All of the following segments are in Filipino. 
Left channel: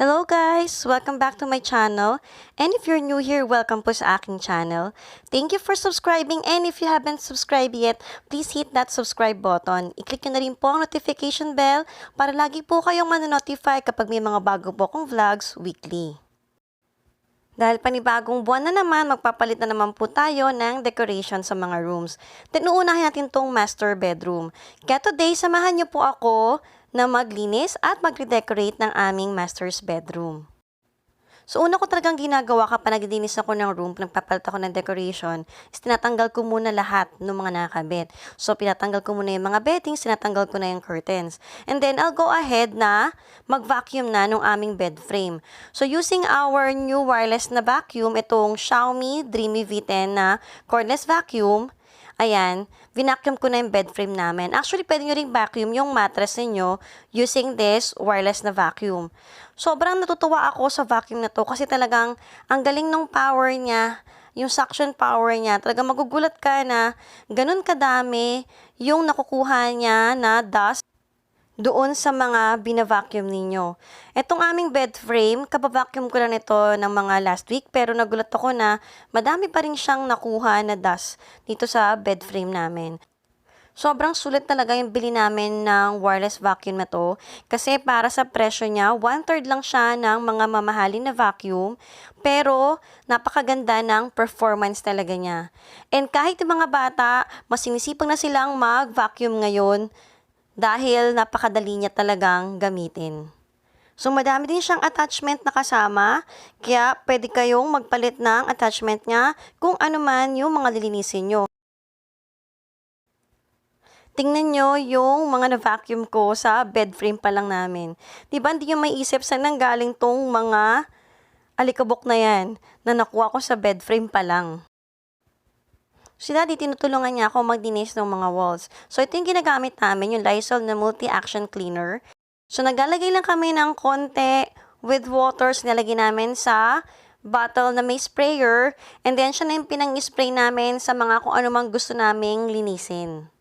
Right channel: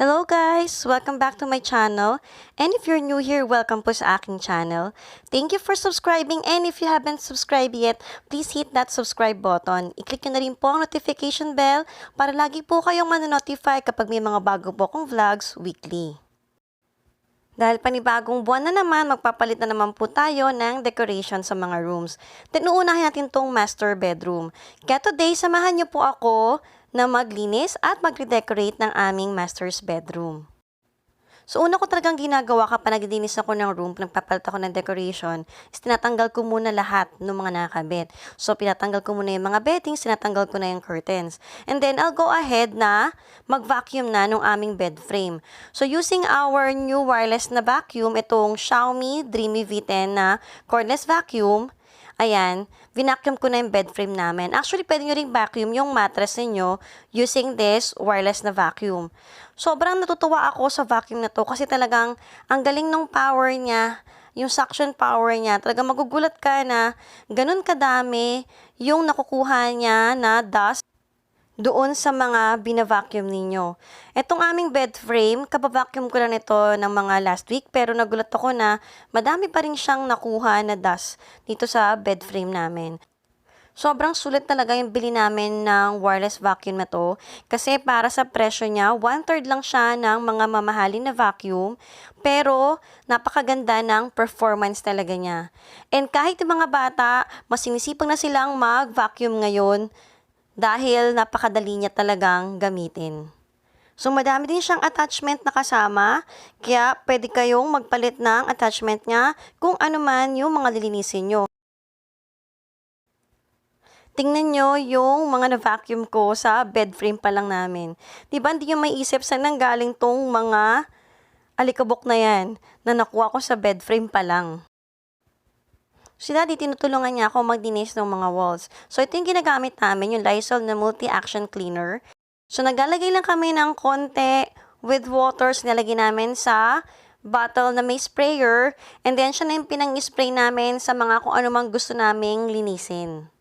Hello guys! Welcome back to my channel. And if you're new here, welcome po sa aking channel. Thank you for subscribing, and if you haven't subscribed yet, please hit that subscribe button. I-click nyo na rin po ang notification bell para lagi po kayong manonotify kapag may mga bago po akong vlogs weekly. Dahil panibagong buwan na naman, magpapalit na naman po tayo ng decoration sa mga rooms. Then uunahin natin tong master bedroom. Kaya today, samahan niyo po ako na maglinis at magre-decorate ng aming master's bedroom. So una ko talagang ginagawa kapag naglilinis ako ng room, nagpapalit ako ng decoration, is tinatanggal ko muna lahat ng mga nakakabit. So pinatanggal ko muna yung mga beddings, tinatanggal ko na yung curtains. And then I'll go ahead na mag-vacuum na ng aming bed frame. So using our new wireless na vacuum, itong Xiaomi Dreamy V10 na cordless vacuum, ayan, vinacuum ko na yung bed frame namin. Actually, pwede nyo ring vacuum yung mattress ninyo using this wireless na vacuum. Sobrang natutuwa ako sa vacuum na to kasi talagang ang galing ng power niya, yung suction power niya. Talagang magugulat ka na ganun kadami yung nakukuha niya na dust doon sa mga bina-vacuum ninyo. Etong aming bed frame, kapavacuum ko lang ito ng mga last week, pero nagulat ako na madami pa rin siyang nakuha na dust dito sa bed frame namin. Sobrang sulit talaga yung bili namin ng wireless vacuum na to kasi para sa presyo niya, 1/3 lang siya ng mga mamahalin na vacuum, pero napakaganda ng performance talaga niya. And kahit yung mga bata, mas sinisipag na silang mag-vacuum ngayon dahil napakadali niya talagang gamitin. So, madami din siyang attachment na kasama, kaya pwede kayong magpalit ng attachment niya kung ano man yung mga lilinisin nyo. Tingnan nyo yung mga na-vacuum ko sa bed frame pa lang namin. Diba hindi nyo maiisip saan nanggaling tong mga alikabok na yan na nakuha ko sa bed frame pa lang. Si Daddy, tinutulungan niya ako magdinis ng mga walls. So, ito yung ginagamit namin, yung Lysol na multi-action cleaner. So, naglalagay lang kami ng konti with water. Sinalagay namin sa bottle na may sprayer. And then, siya na yung pinang-spray namin sa mga kung ano mang gusto naming linisin.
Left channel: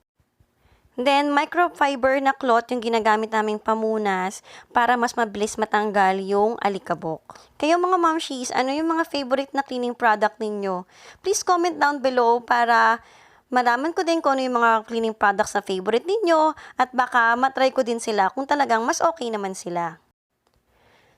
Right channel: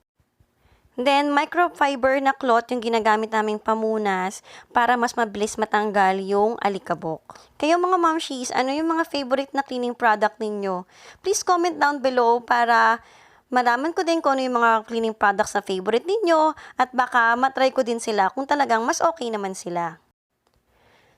Then, microfiber na cloth yung ginagamit naming pamunas para mas mabilis matanggal yung alikabok. Kayo mga momshies, ano yung mga favorite na cleaning product ninyo? Please comment down below para malaman ko din kung ano yung mga cleaning products na favorite ninyo at baka matry ko din sila kung talagang mas okay naman sila.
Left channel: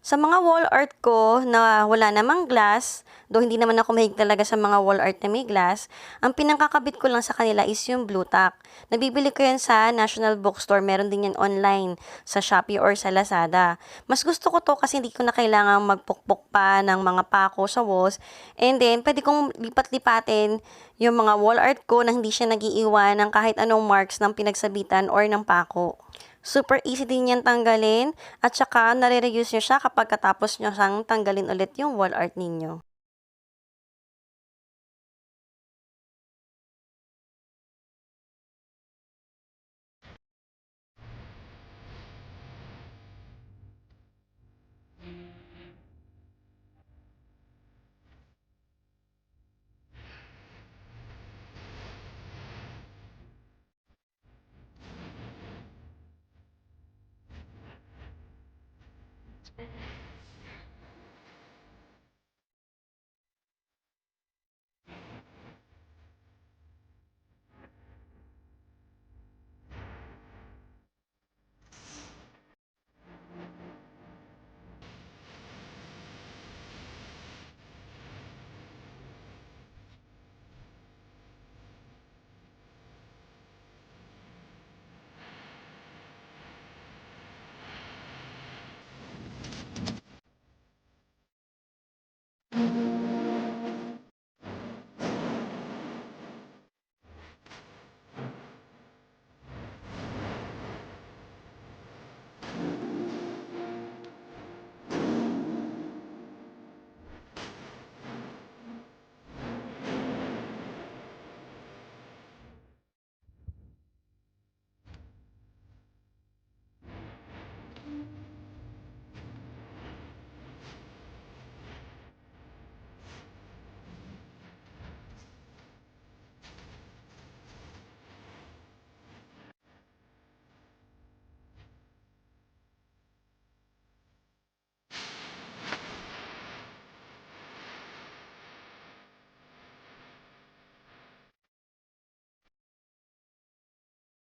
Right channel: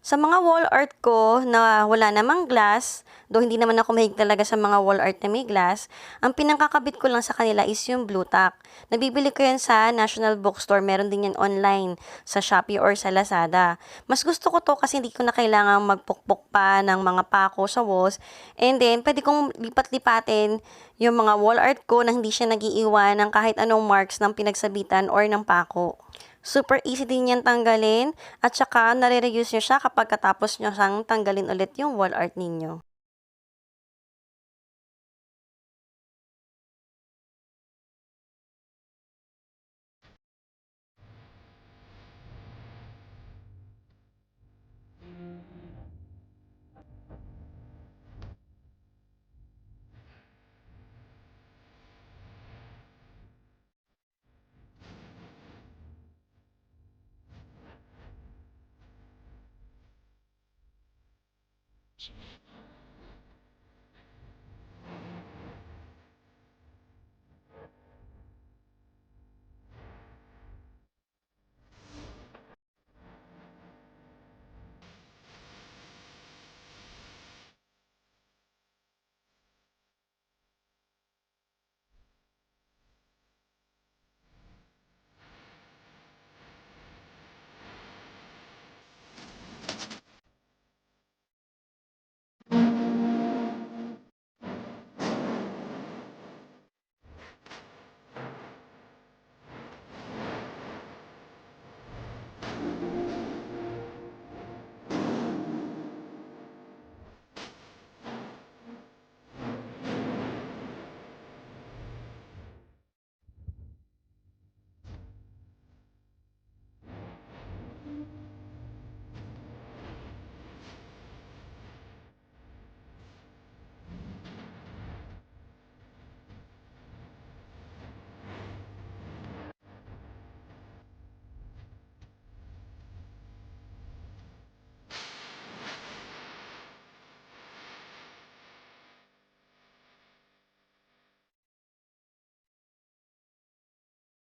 Sa mga wall art ko na wala namang glass, though hindi naman ako mahilig talaga sa mga wall art na may glass, ang pinangkakabit ko lang sa kanila is yung blue tack. Nabibili ko yan sa National Bookstore, meron din yan online sa Shopee or sa Lazada. Mas gusto ko to kasi hindi ko na kailangang magpukpok pa ng mga pako sa walls. And then, pwede kong lipat-lipatin yung mga wall art ko na hindi siya nagiiwan ng kahit anong marks ng pinagsabitan or ng pako. Super easy din yan tanggalin at saka nare-reuse nyo siya kapag katapos nyo siyang tanggalin ulit yung wall art ninyo.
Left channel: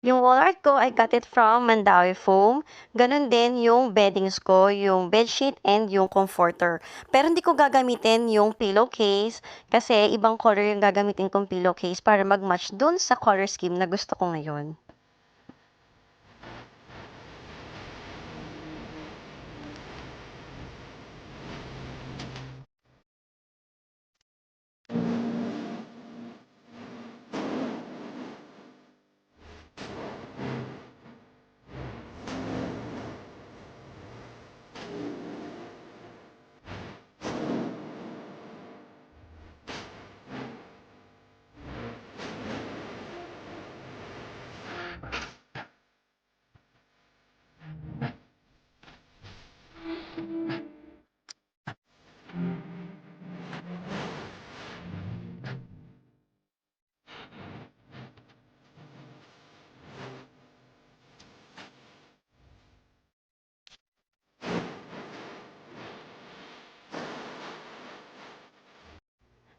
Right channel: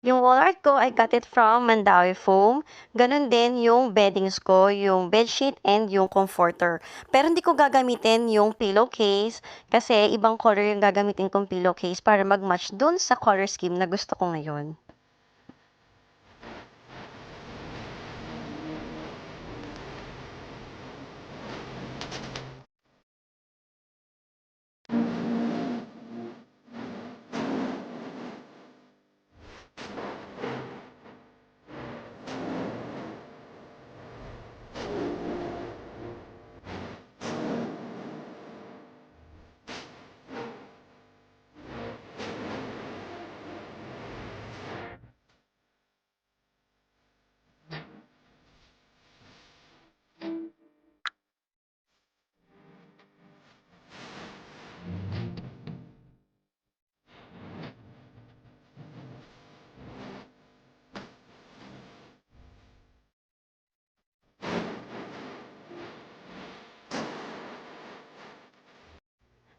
Yung wall art ko, I got it from Mandawi Foam. Ganun din yung beddings ko, yung bedsheet and yung comforter. Pero hindi ko gagamitin yung pillowcase kasi ibang color yung gagamitin kong pillowcase para mag-match dun sa color scheme na gusto ko ngayon.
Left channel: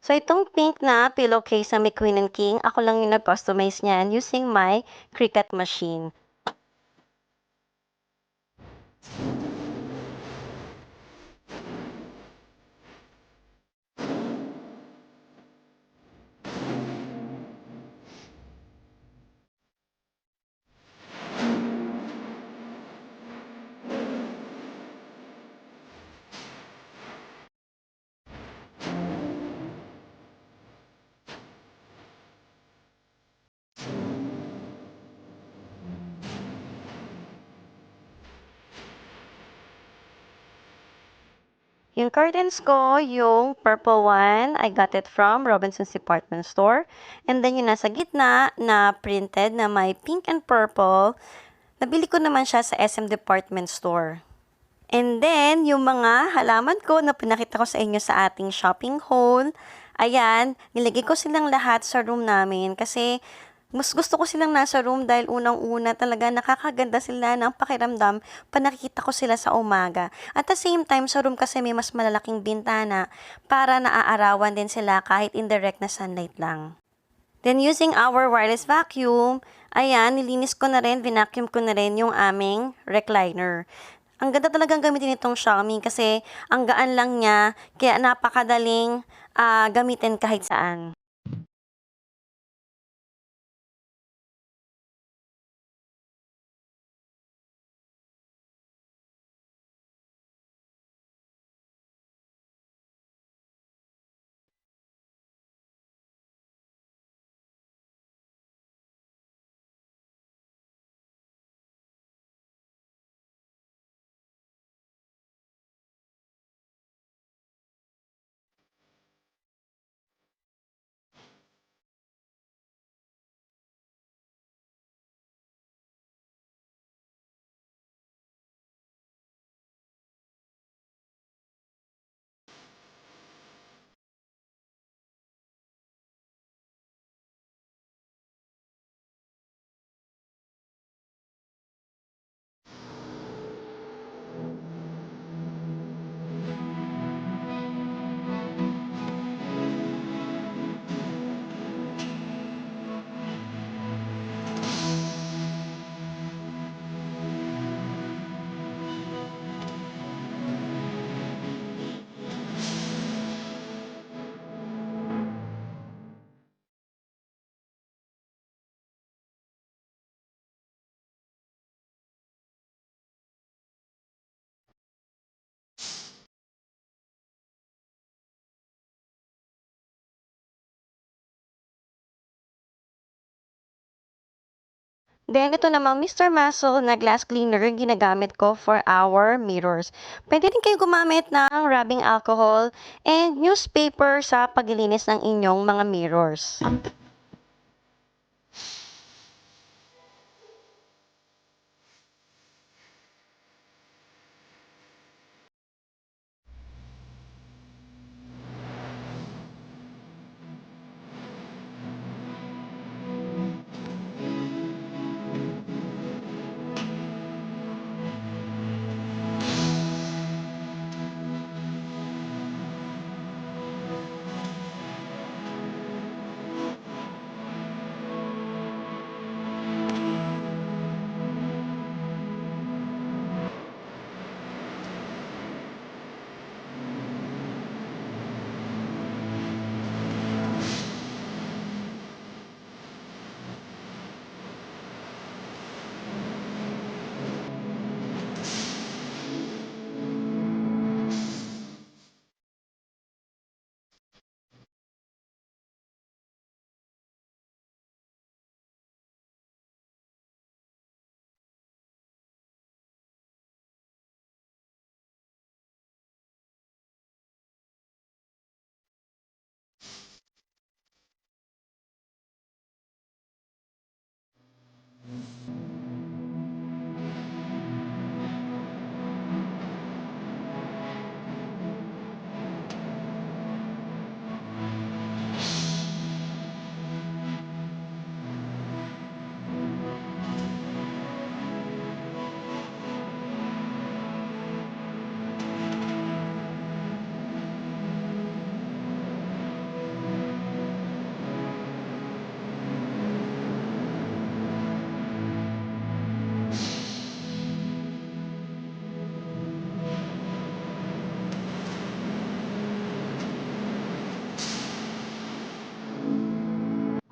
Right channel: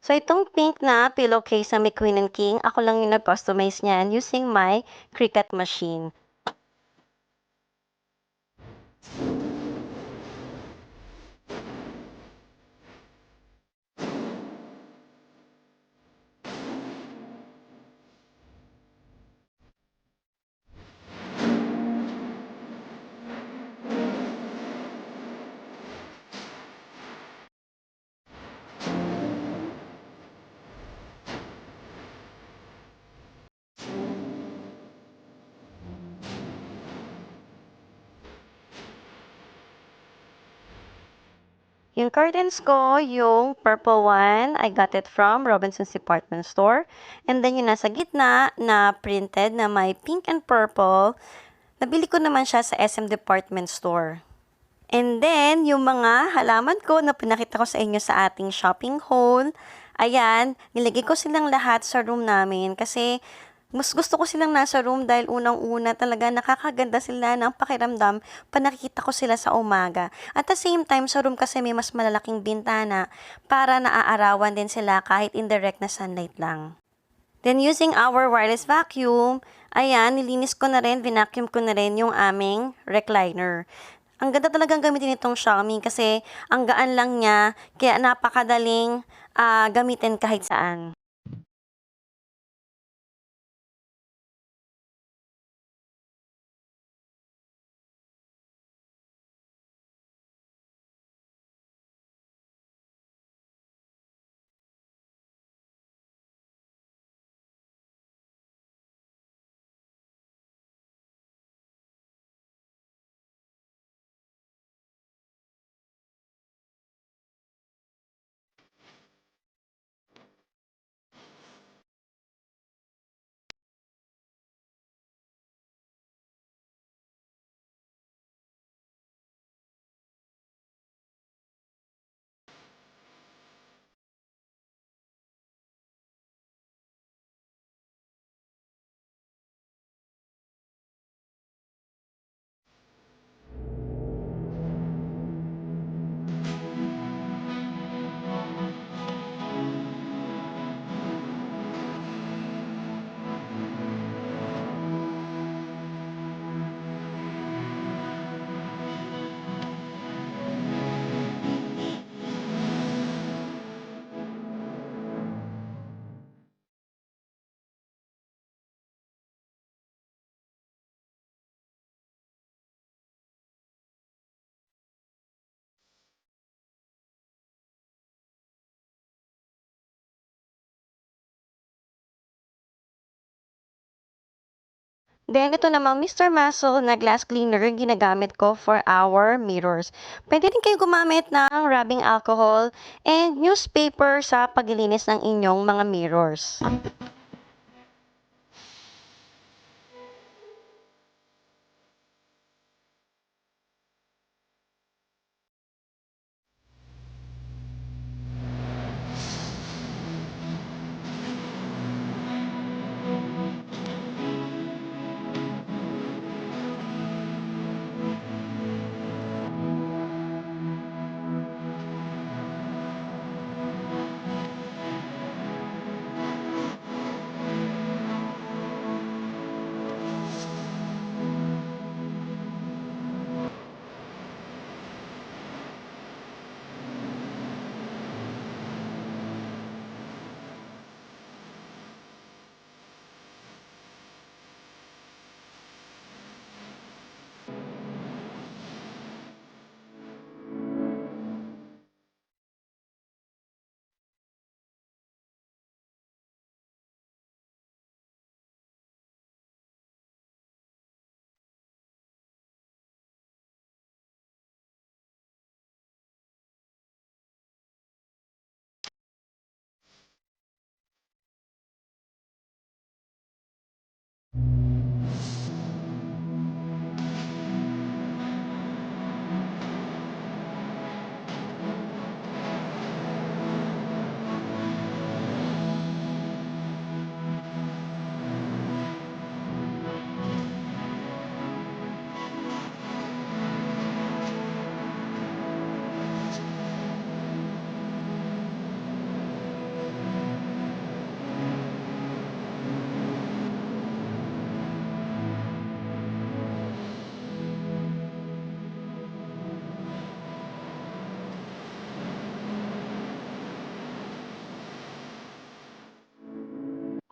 So, itong pink na pillowcase sa may Queen and King, ako lang yung nag-customize niyan using my Cricut machine. Yung curtains ko, yung purple one, I got it from Robinson's Department Store. And then yung nasa gitna na printed na may pink and purple, nabili ko naman siya sa SM Department Store. And then, yung mga halaman ko na pinakita ko sa inyo sa ating shopping haul, ayan, nilagay ko silang lahat sa room namin kasi mas gusto ko silang nasa room dahil unang-una talaga nakakaganda sila ng pakiramdam pa nakikita ko sila sa umaga. At the same time, sa room kasi may mas malalaking bintana para naaarawan din sila kahit indirect na sunlight lang. Then using our wireless vacuum, ayan, nilinis ko na rin, vinacuum ko na rin yung aming recliner. Ang ganda talagang gamitin itong Xiaomi kasi ang gaan lang niya, kaya napakadaling gamitin kahit saan. Then, ito namang Mr. Muscle na glass cleaner yung ginagamit ko for our mirrors. Pwede rin kayo gumamit ng rubbing alcohol and newspaper sa paglilinis ng inyong mga mirrors.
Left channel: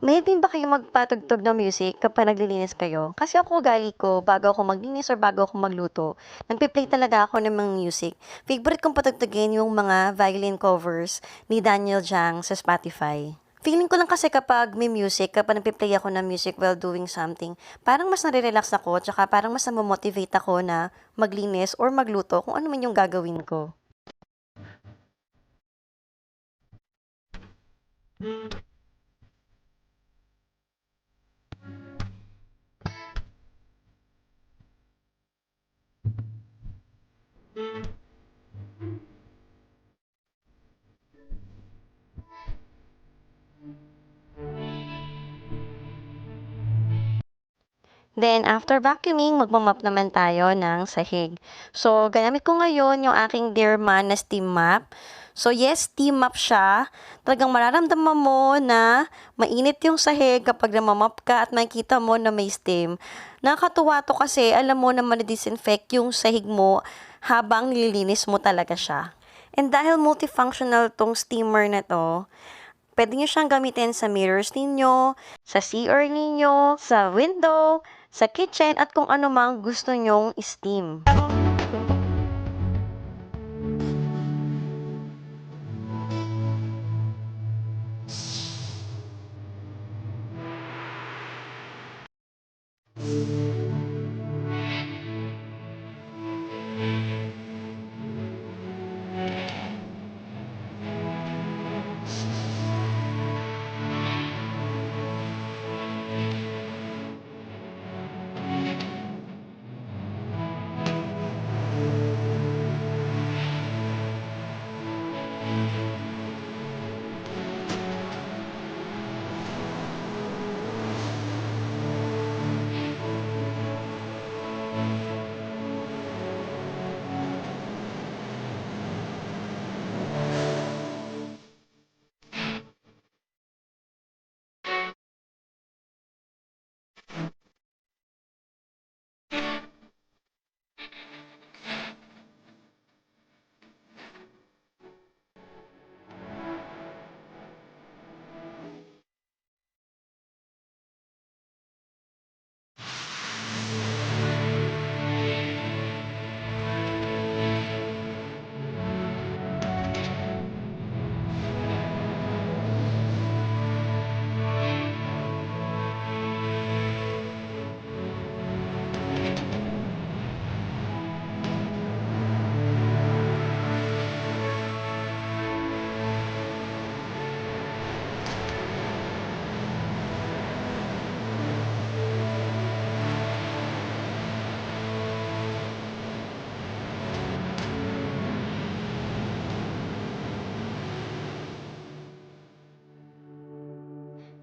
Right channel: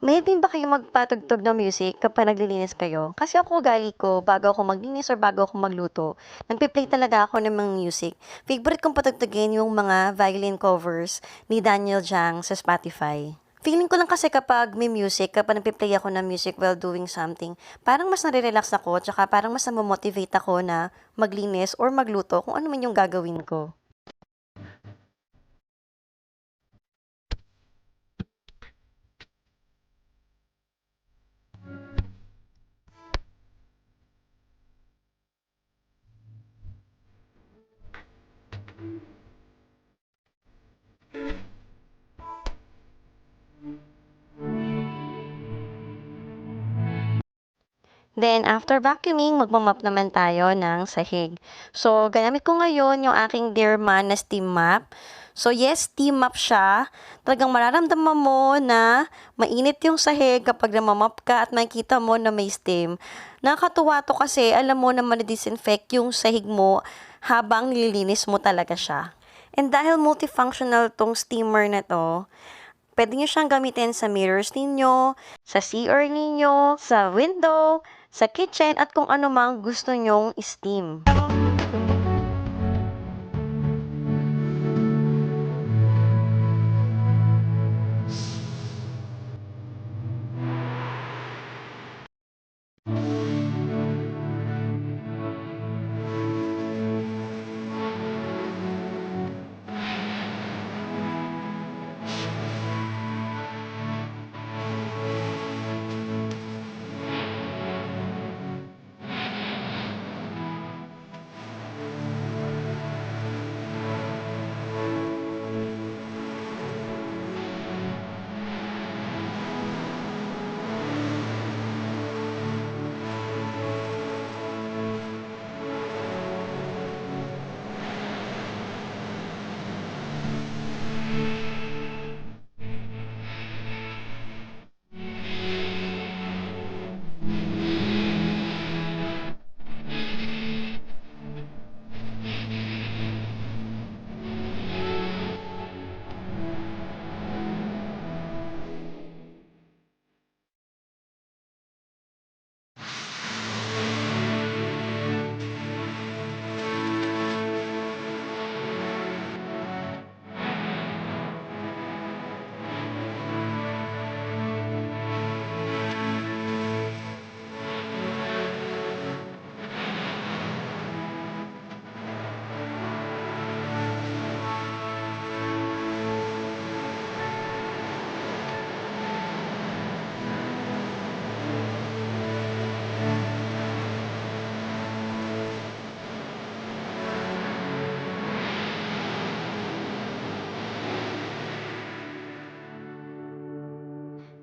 May din ba kayong magpatugtog ng music kapag naglilinis kayo? Kasi ako ugali ko, bago ako maglinis or bago ako magluto, nagpe-play talaga ako ng mga music. Favorite kong patugtugin yung mga violin covers ni Daniel Jang sa Spotify. Feeling ko lang kasi kapag may music, kapag nagpe-play ako ng music while doing something, parang mas nare-relax ako, tsaka parang mas namomotivate ako na maglinis or magluto kung ano man yung gagawin ko. Then, after vacuuming, magmamop naman tayo ng sahig. So, gamit ko ngayon yung aking Dear Man na steam mop. So, yes, steam mop siya. Talagang mararamdaman mo na mainit yung sahig kapag namamop ka at makikita mo na may steam. Nakakatuwa to kasi alam mo na madidisinfect yung sahig mo habang nililinis mo talaga siya. And dahil multifunctional tong steamer na to, pwede nyo siyang gamitin sa mirrors ninyo, sa CR ninyo, sa window, sa kitchen, at kung ano mang gusto nyong steam.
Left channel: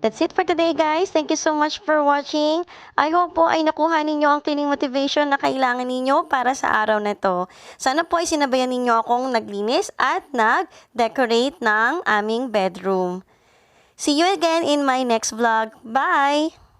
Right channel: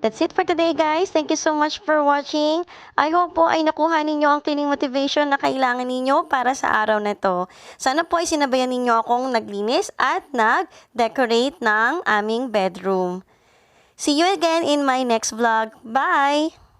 That's it for today, guys. Thank you so much for watching. I hope po ay nakuha ninyo ang cleaning motivation na kailangan ninyo para sa araw na to. Sana po ay sinabayan ninyo akong naglinis at nag-decorate ng aming bedroom. See you again in my next vlog. Bye!